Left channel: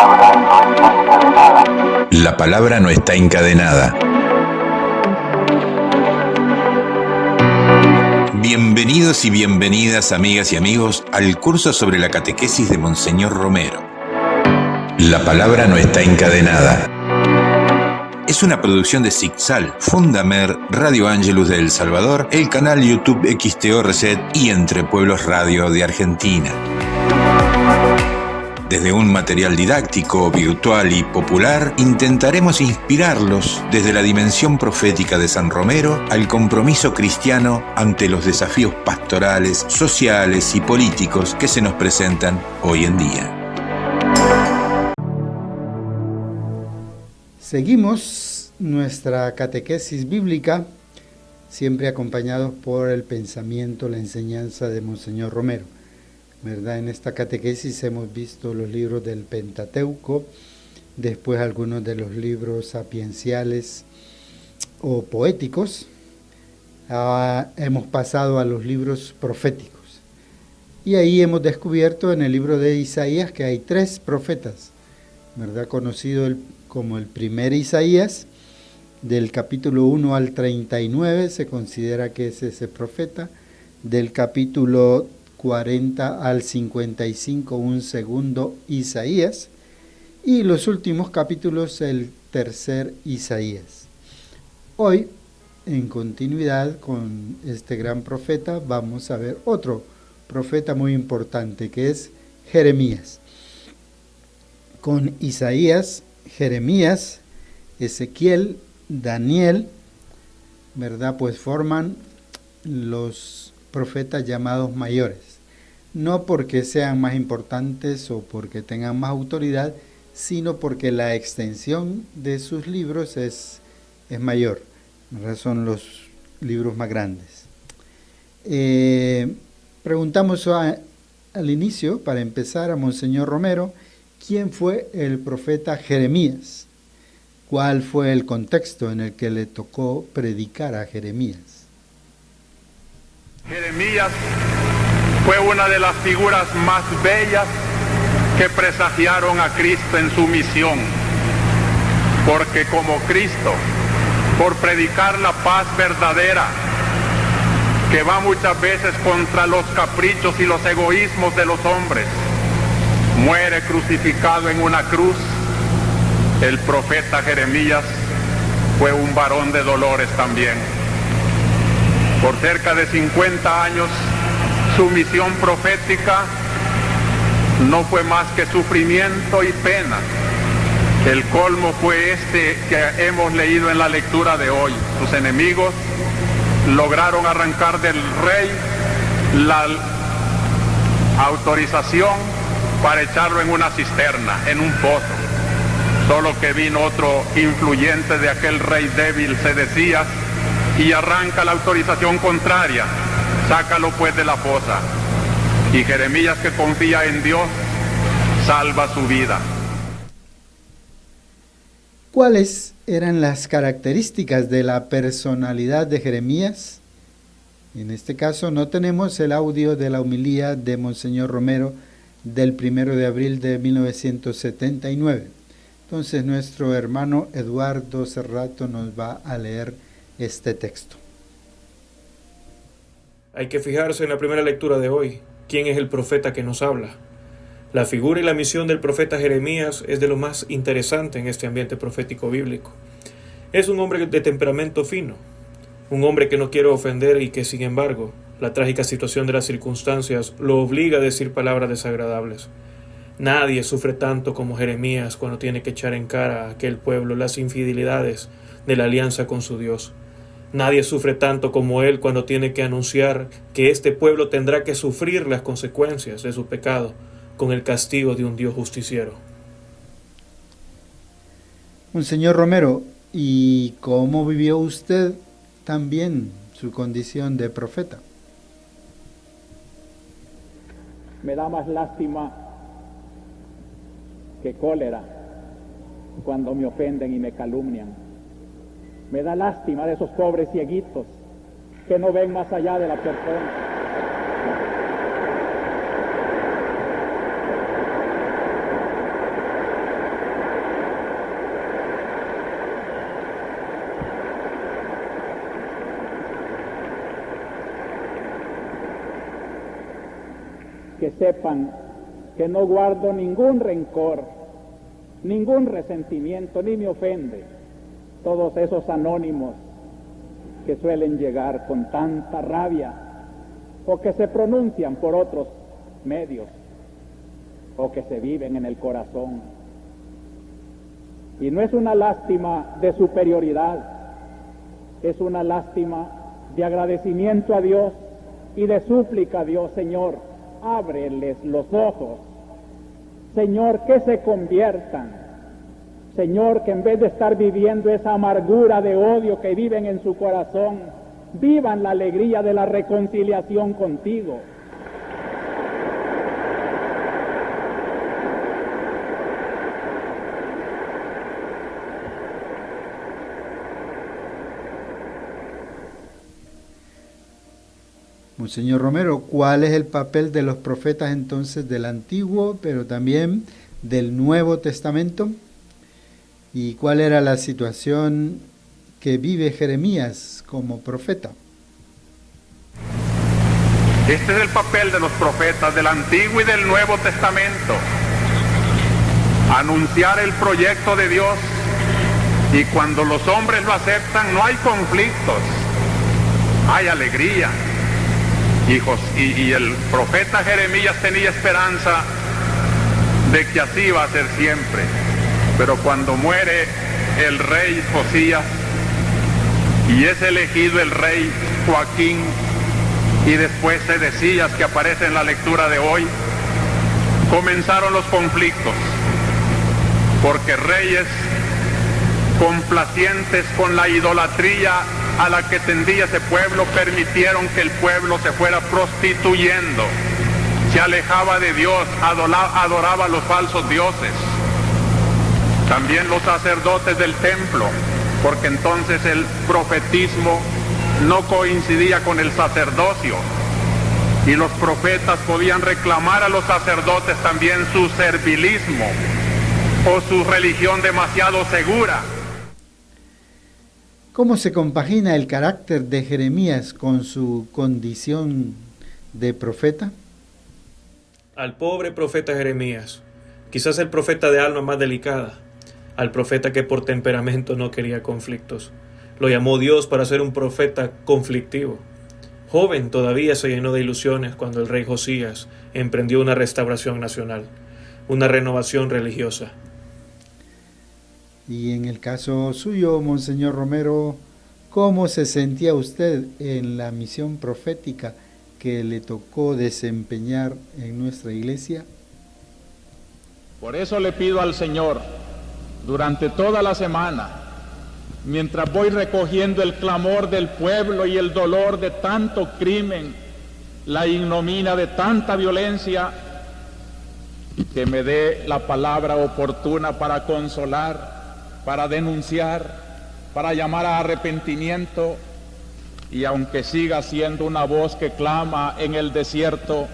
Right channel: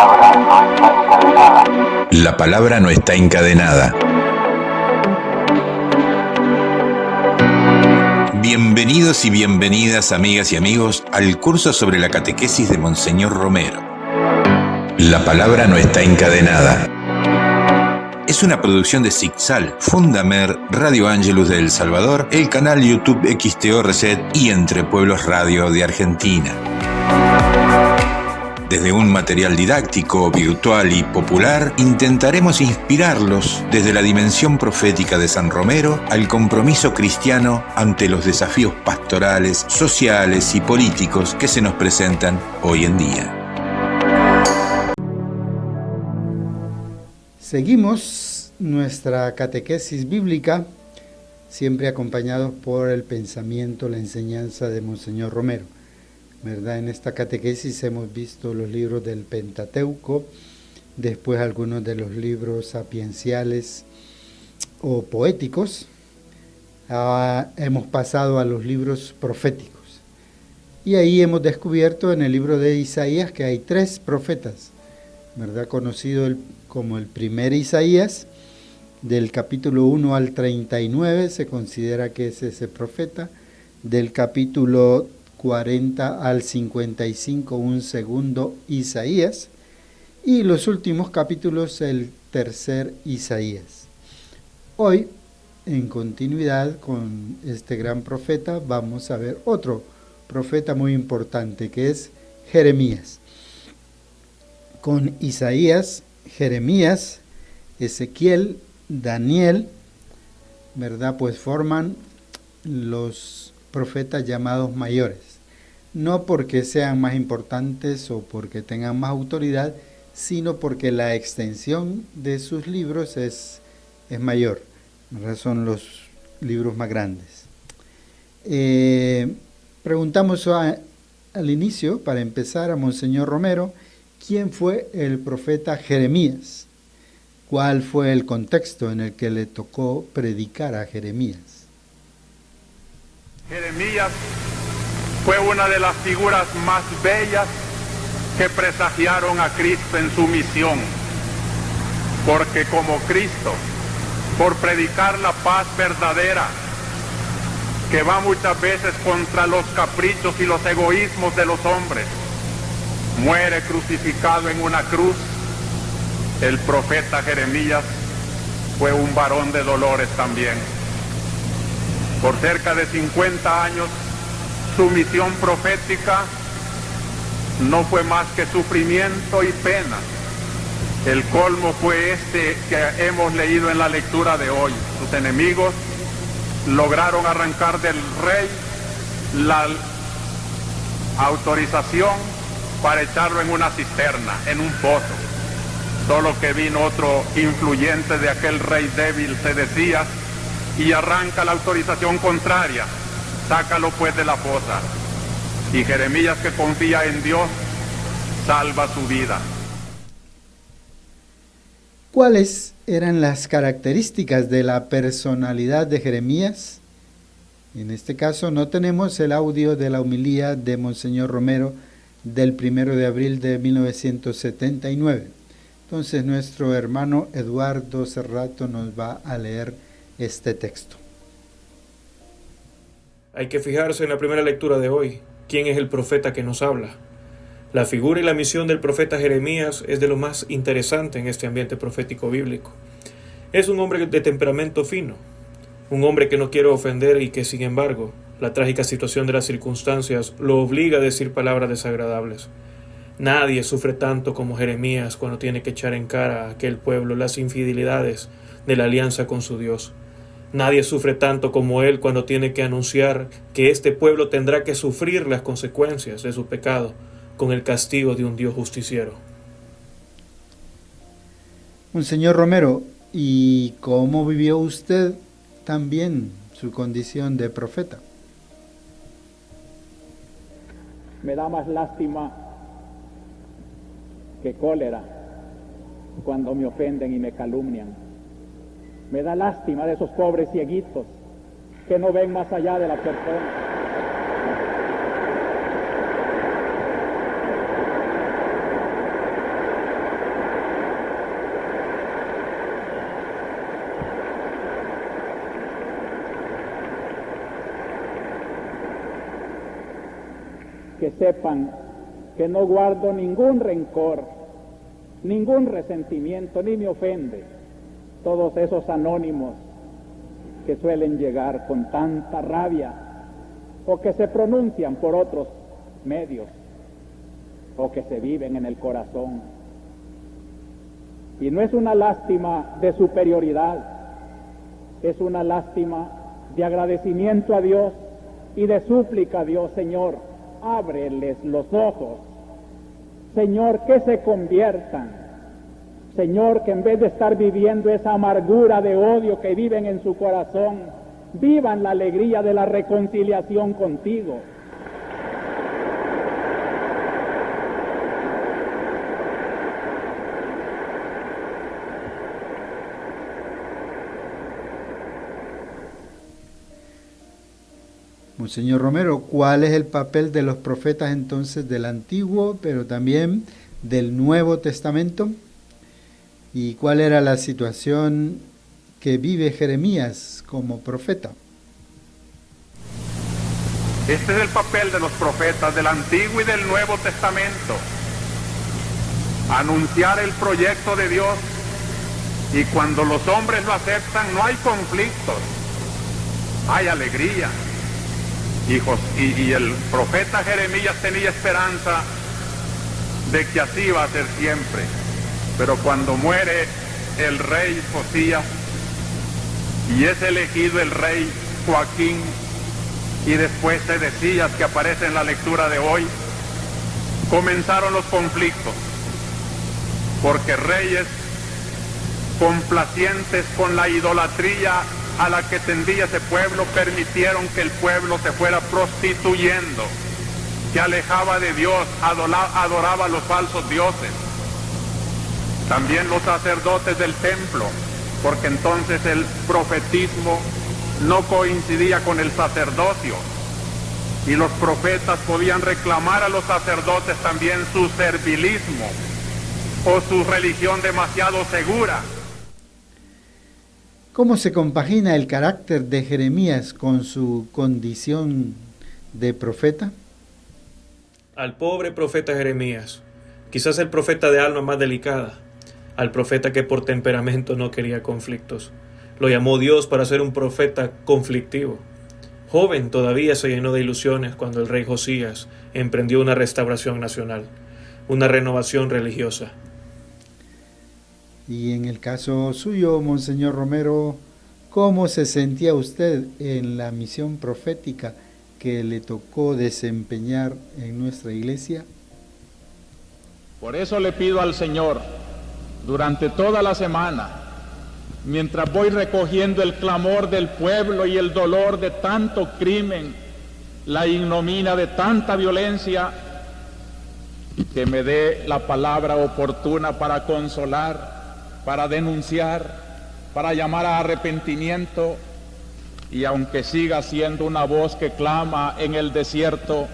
palabra no está encadenada. La palabra no está encadenada. Bienvenidos y bienvenidas, amigas y amigos, al curso sobre la catequesis de Monseñor Romero. La palabra no está encadenada. Es una producción de Zixal, Fundamer, Radio Ángelus de El Salvador, el canal YouTube XTO Reset y Entre Pueblos Radio de Argentina. Desde un material didáctico, virtual y popular, intentaremos inspirarlos desde la dimensión profética de San Romero al compromiso cristiano ante los desafíos pastorales, sociales y políticos que se nos presentan hoy en día. Seguimos nuestra catequesis bíblica, siempre acompañados por el pensamiento, la enseñanza de Monseñor Romero. ¿Verdad? En esta catequesis hemos visto los libros del Pentateuco, después algunos de los libros sapienciales o poéticos. Hemos pasado a los libros proféticos. Y ahí hemos descubierto en el libro de Isaías que hay 3 profetas, ¿verdad? Conocido como el primer Isaías, del capítulo 1 al 39 se considera que es ese profeta, del capítulo 40 al 55 un segundo Isaías, y los últimos capítulos el tercer Isaías. Hoy, en continuidad con este gran profeta, vamos a ver otro profeta muy importante que es Jeremías. Con Isaías, Jeremías, Ezequiel, Daniel, ¿verdad? Pues forman los profetas llamados mayores. No porque sean más importantes o porque tengan más autoridad, sino porque la extensión de sus libros es mayor, ¿verdad? Son los libros más grandes. Preguntamos al inicio, para empezar, a Monseñor Romero, ¿quién fue el profeta Jeremías? ¿Cuál fue el contexto en el que le tocó predicar a Jeremías? Presagiaron a Cristo en su misión, porque como Cristo, por predicar la paz verdadera, que va muchas veces contra los caprichos y los egoísmos de los hombres, muere crucificado en una cruz. El profeta Jeremías fue un varón de dolores también. Por cerca de 50 años, su misión profética no fue más que sufrimiento y pena. El colmo fue este que hemos leído en la lectura de hoy. Sus enemigos lograron arrancar del rey la autorización para echarlo en una cisterna, en un pozo. Solo que vino otro influyente de aquel rey débil, se decía, y arranca la autorización contraria. Sácalo pues de la fosa. Y Jeremías, que confía en Dios, salva su vida. ¿Cuáles eran las características de la personalidad de Jeremías? En este caso no tenemos el audio de la homilía de Monseñor Romero del 1 de abril de 1979. Entonces nuestro hermano Eduardo Cerrato nos va a leer este texto. Hay que fijarse en la primera lectura de hoy. ¿Quién es el profeta que nos habla? La figura y la misión del profeta Jeremías es de lo más interesante en este ambiente profético bíblico. Es un hombre de temperamento fino, un hombre que no quiere ofender y que, sin embargo, la trágica situación de las circunstancias lo obliga a decir palabras desagradables. Nadie sufre tanto como Jeremías cuando tiene que echar en cara a aquel pueblo las infidelidades de la alianza con su Dios. Nadie sufre tanto como él cuando tiene que anunciar que este pueblo tendrá que sufrir las consecuencias de su pecado con el castigo de un Dios justiciero. Monseñor Romero, ¿y cómo vivió usted también su condición de profeta? Me da más lástima que cólera cuando me ofenden y me calumnian. Me da lástima de esos pobres cieguitos que no ven más allá de la persona. que sepan que no guardo ningún rencor, ningún resentimiento, ni me ofende todos esos anónimos que suelen llegar con tanta rabia o que se pronuncian por otros medios o que se viven en el corazón. Y no es una lástima de superioridad, es una lástima de agradecimiento a Dios y de súplica a Dios. Señor, ábreles los ojos. Señor, que se conviertan. Señor, que en vez de estar viviendo esa amargura de odio que viven en su corazón, vivan la alegría de la reconciliación contigo. Monseñor Romero, ¿cuál es el papel de los profetas entonces del Antiguo, pero también del Nuevo Testamento? ¿Y cuál era la situación que vive Jeremías como profeta? Este es el papel de los profetas del Antiguo y del Nuevo Testamento. Anunciar el proyecto de Dios, y cuando los hombres lo aceptan no hay conflictos, hay alegría. Y el profeta Jeremías tenía esperanza de que así va a ser siempre. Pero cuando muere el rey Josías y es elegido el rey Joaquín, y después Sedecías, que aparece en la lectura de hoy, comenzaron los conflictos, porque reyes complacientes con la idolatría a la que tendía ese pueblo permitieron que el pueblo se fuera prostituyendo, se alejaba de Dios, adoraba a los falsos dioses. También los sacerdotes del templo, porque entonces el profetismo no coincidía con el sacerdocio, y los profetas podían reclamar a los sacerdotes también su servilismo o su religión demasiado segura. ¿Cómo se compagina el carácter de Jeremías con su condición de profeta? Al pobre profeta Jeremías, quizás el profeta de alma más delicada, al profeta que por temperamento no quería conflictos. Lo llamó Dios para ser un profeta conflictivo. Joven todavía se llenó de ilusiones cuando el rey Josías emprendió una restauración nacional, una renovación religiosa. Y en el caso suyo, Monseñor Romero, ¿cómo se sentía usted en la misión profética que le tocó desempeñar en nuestra iglesia? Por eso le pido al Señor, durante toda la semana, mientras voy recogiendo el clamor del pueblo y el dolor de tanto crimen, la ignominia de tanta violencia, que me dé la palabra oportuna para consolar, para denunciar, para llamar a arrepentimiento, y aunque siga siendo una voz que clama en el desierto,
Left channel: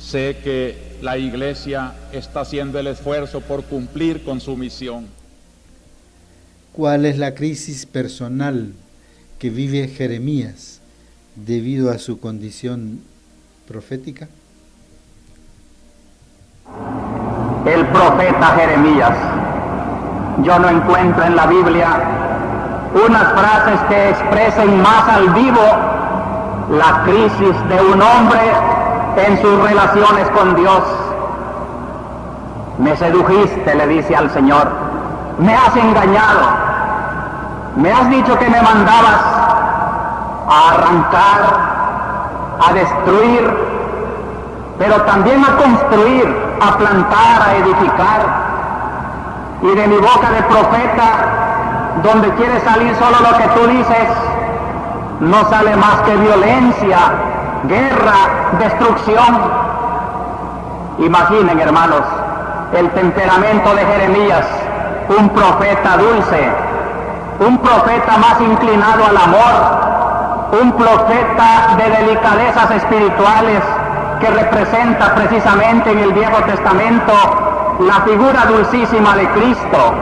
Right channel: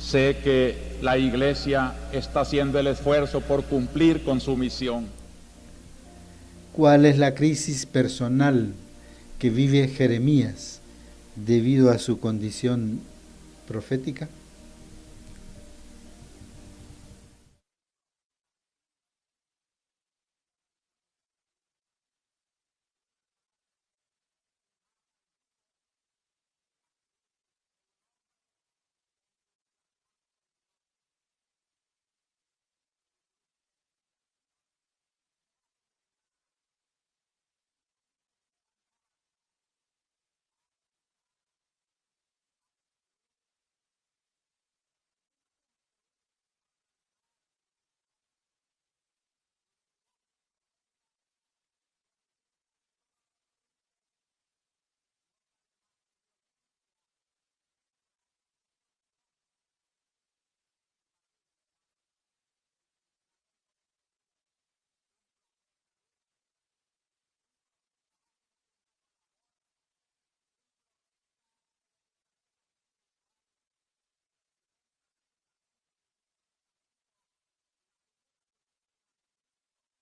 sé que la Iglesia está haciendo el esfuerzo por cumplir con su misión. ¿Cuál es la crisis personal que vive Jeremías debido a su condición profética? El profeta Jeremías. Yo no encuentro en la Biblia unas frases que expresen más al vivo la crisis de un hombre en sus relaciones con Dios. Me sedujiste, le dice al Señor, me has engañado, me has dicho que me mandabas a arrancar, a destruir, pero también a construir, a plantar, a edificar. Y de mi boca de profeta, donde quiere salir solo lo que tú dices, no sale más que violencia, guerra, destrucción. Imaginen, hermanos, el temperamento de Jeremías, un profeta dulce, un profeta más inclinado al amor, un profeta de delicadezas espirituales que representa precisamente en el Viejo Testamento la figura dulcísima de Cristo.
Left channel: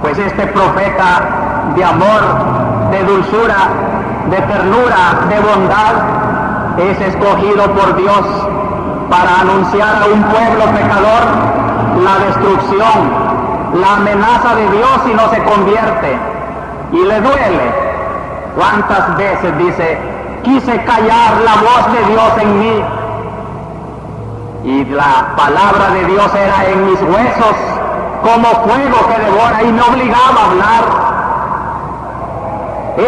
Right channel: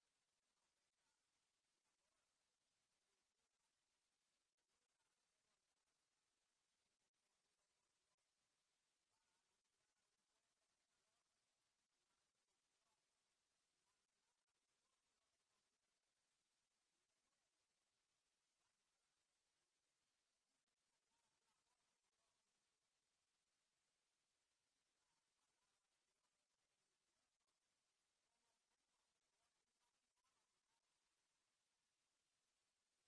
Pues este profeta de amor, de dulzura, de ternura, de bondad, es escogido por Dios para anunciar a un pueblo pecador la destrucción, la amenaza de Dios si no se convierte. Y le duele. ¿Cuántas veces dice, quise callar la voz de Dios en mí? Y la palabra de Dios era en mis huesos como fuego que devora y me obligaba a hablar.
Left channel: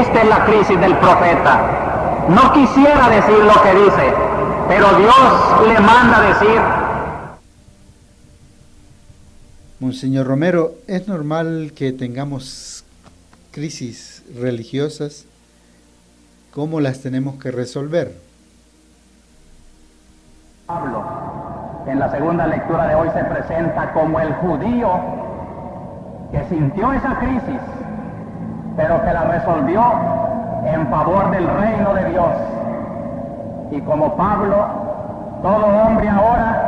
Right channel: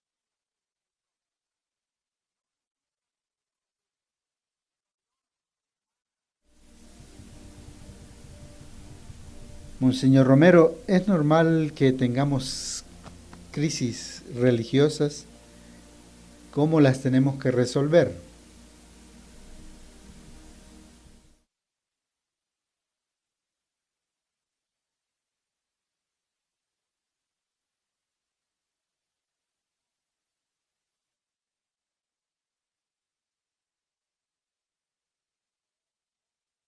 Esta es la crisis del profeta. No quisiera decir lo que dice, pero Dios le manda decir. Monseñor Romero, ¿es normal que tengamos crisis religiosas? ¿Cómo las tenemos que resolver? Pablo, en la segunda lectura de hoy, se presenta como el judío que sintió esa crisis, pero que la resolvió en favor del reino de Dios. Y como Pablo, todo hombre ahora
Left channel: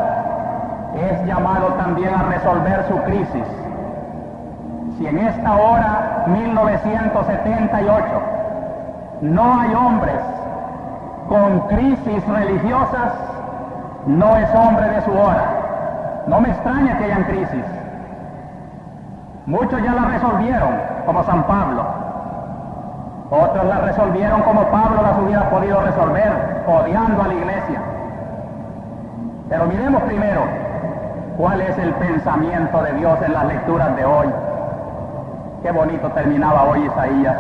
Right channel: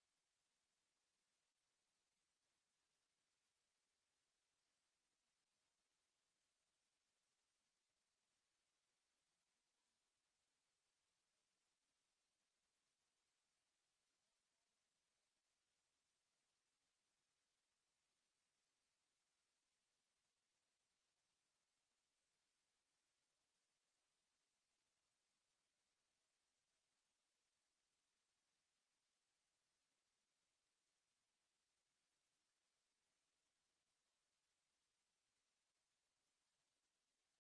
es llamado también a resolver su crisis. Si en esta hora, 1978, no hay hombres con crisis religiosas, no es hombre de su hora. No me extraña que hayan crisis. Muchos ya la resolvieron, como San Pablo. Otros la resolvieron como Pablo las hubiera podido resolver, odiando a la iglesia. Pero miremos primero cuál es el pensamiento de Dios en las lecturas de hoy. Qué bonito terminaba hoy Isaías.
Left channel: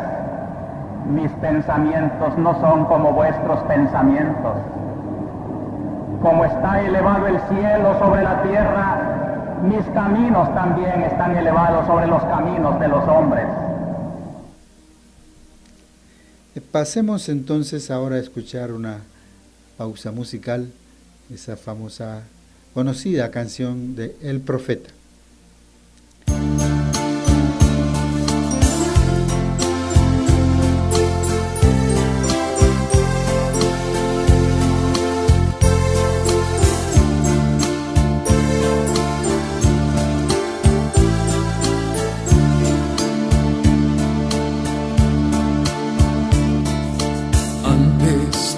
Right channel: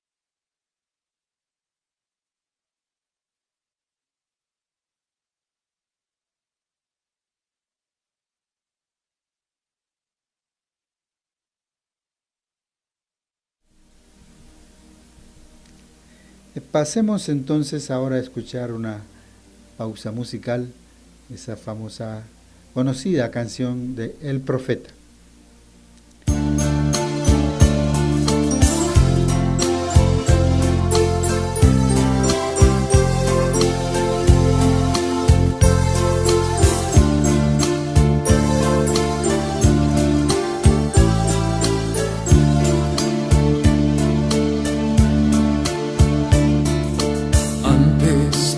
Mis pensamientos no son como vuestros pensamientos. Como está elevado el cielo sobre la tierra, mis caminos también están elevados sobre los caminos de los hombres. Pasemos entonces ahora a escuchar una pausa musical, esa famosa, conocida canción de El Profeta.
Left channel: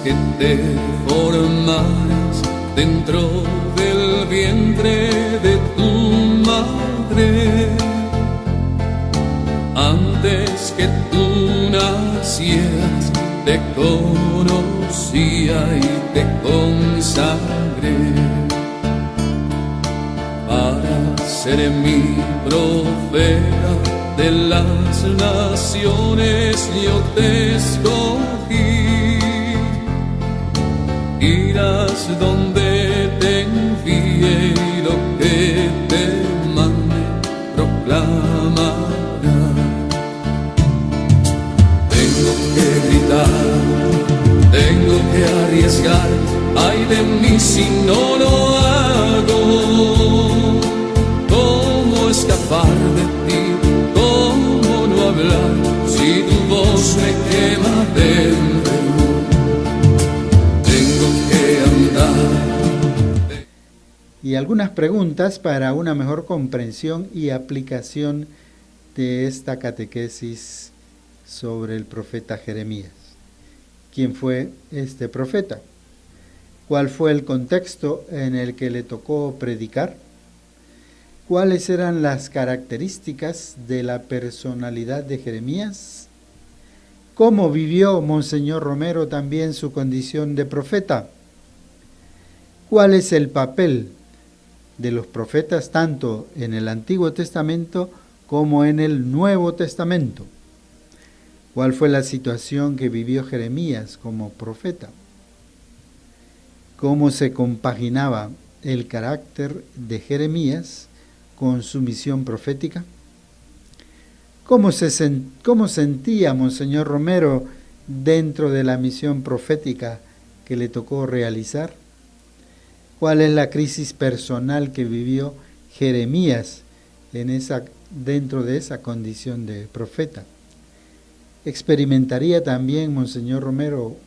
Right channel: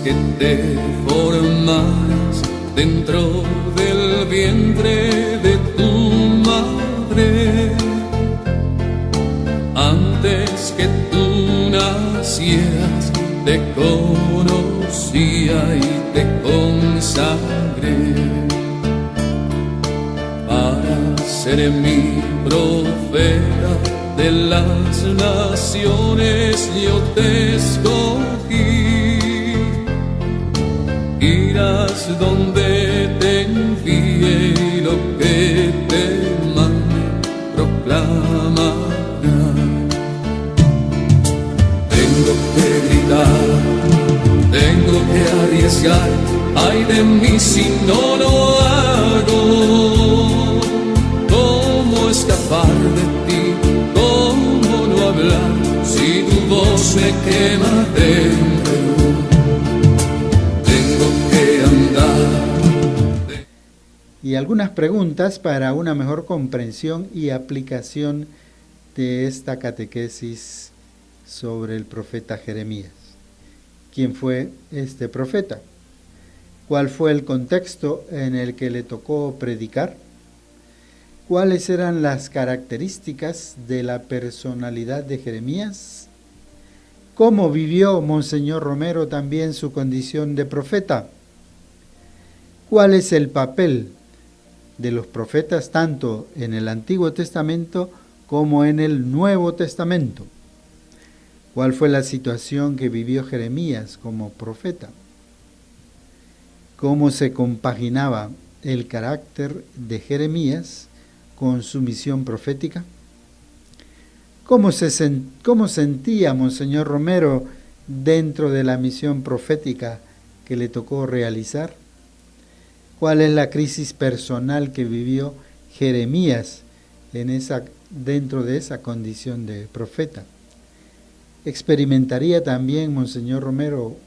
Que te formaras dentro del vientre de tu madre, antes que tú nacieras, te conocía y te consagré para ser mi profeta de las naciones. Yo te escogí. Irás donde te envíe y lo que te mande proclamarás. Tengo que gritar, tengo que arriesgar, ay de mí si no lo hago. ¿Cómo escapar de ti? ¿Cómo no hablar si tu voz me quema dentro? Y algunas preguntas para una mejor comprensión y aplicación de esta catequesis sobre el profeta Jeremías. ¿Quién fue este profeta? ¿Cuál fue el contexto en el que le tocó predicar? ¿Cuáles eran las características de la personalidad de Jeremías? ¿Cómo vivió Monseñor Romero también su condición de profeta? ¿Cuál es el papel de los profetas tanto en el Antiguo Testamento como en el Nuevo Testamento? ¿Cuál fue la situación que vivió Jeremías como profeta? ¿Cómo se compaginaba el carácter de Jeremías con su misión profética? ¿Cómo sentía Monseñor Romero dentro de la misión profética que le tocó realizar? ¿Cuál es la crisis personal que vivió Jeremías dentro de esa condición de profeta? ¿Experimentaría también Monseñor Romero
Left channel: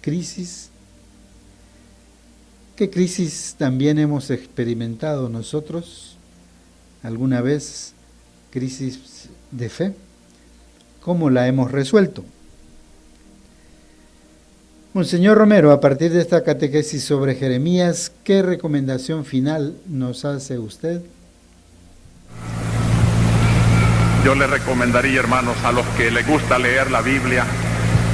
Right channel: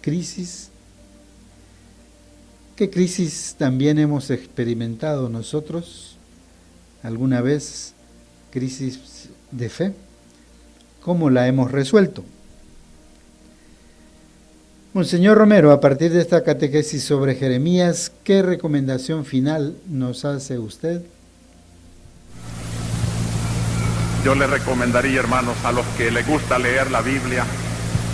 crisis? ¿Qué crisis también hemos experimentado nosotros? ¿Alguna vez crisis de fe? ¿Cómo la hemos resuelto? Monseñor Romero, a partir de esta catequesis sobre Jeremías, ¿qué recomendación final nos hace usted? Yo le recomendaría, hermanos, a los que les gusta leer la Biblia,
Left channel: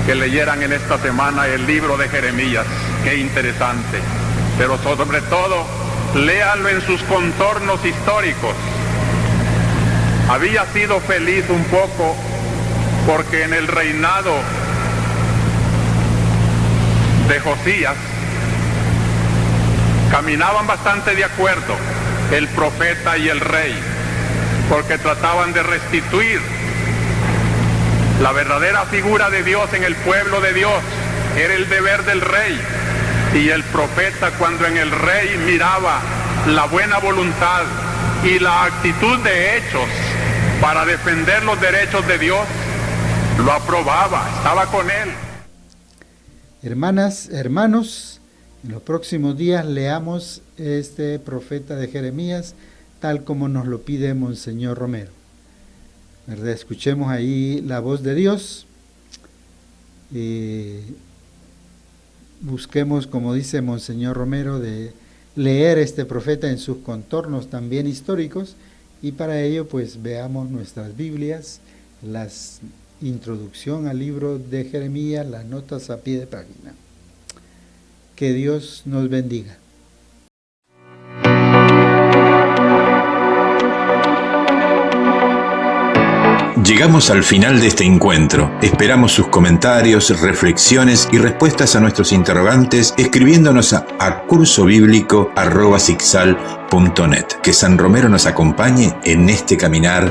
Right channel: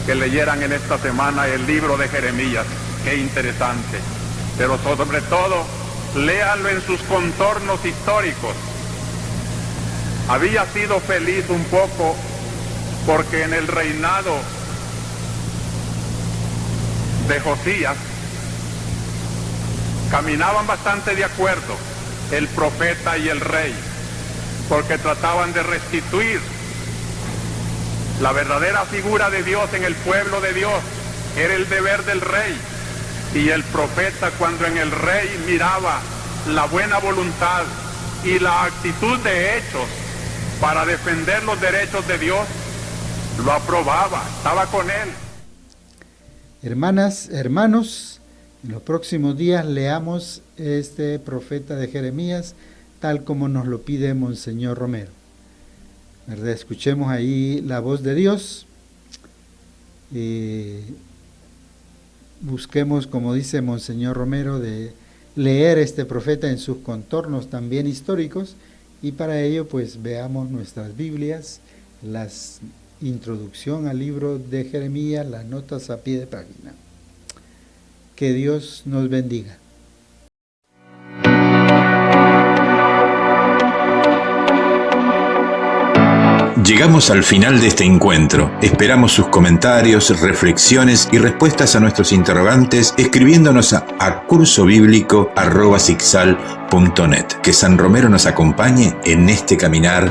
que leyeran en esta semana el libro de Jeremías. Qué interesante. Pero sobre todo, léalo en sus contornos históricos. Había sido feliz un poco porque en el reinado de Josías caminaban bastante de acuerdo el profeta y el rey, porque trataban de restituir la verdadera figura de Dios en el pueblo de Dios. Era el deber del rey, y el profeta, cuando en el rey miraba la buena voluntad y la actitud de hechos para defender los derechos de Dios, lo aprobaba, estaba con él. Hermanas, hermanos, en los próximos días leamos este profeta de Jeremías tal como nos lo pide Monseñor Romero. ¿Verdad? Escuchemos ahí la voz de Dios. Busquemos, como dice Monseñor Romero, de leer este profeta en sus contornos también históricos, y para ello pues veamos nuestras Biblias, la introducción al libro de Jeremías, las notas a pie de página. Que Dios nos bendiga. Llegamos al final de este encuentro. Esperamos sus comentarios, reflexiones y respuestas a nuestros interrogantes escribiéndonos a cursobiblico@sicsal.net. Que San Romero nos acompañe en este caminar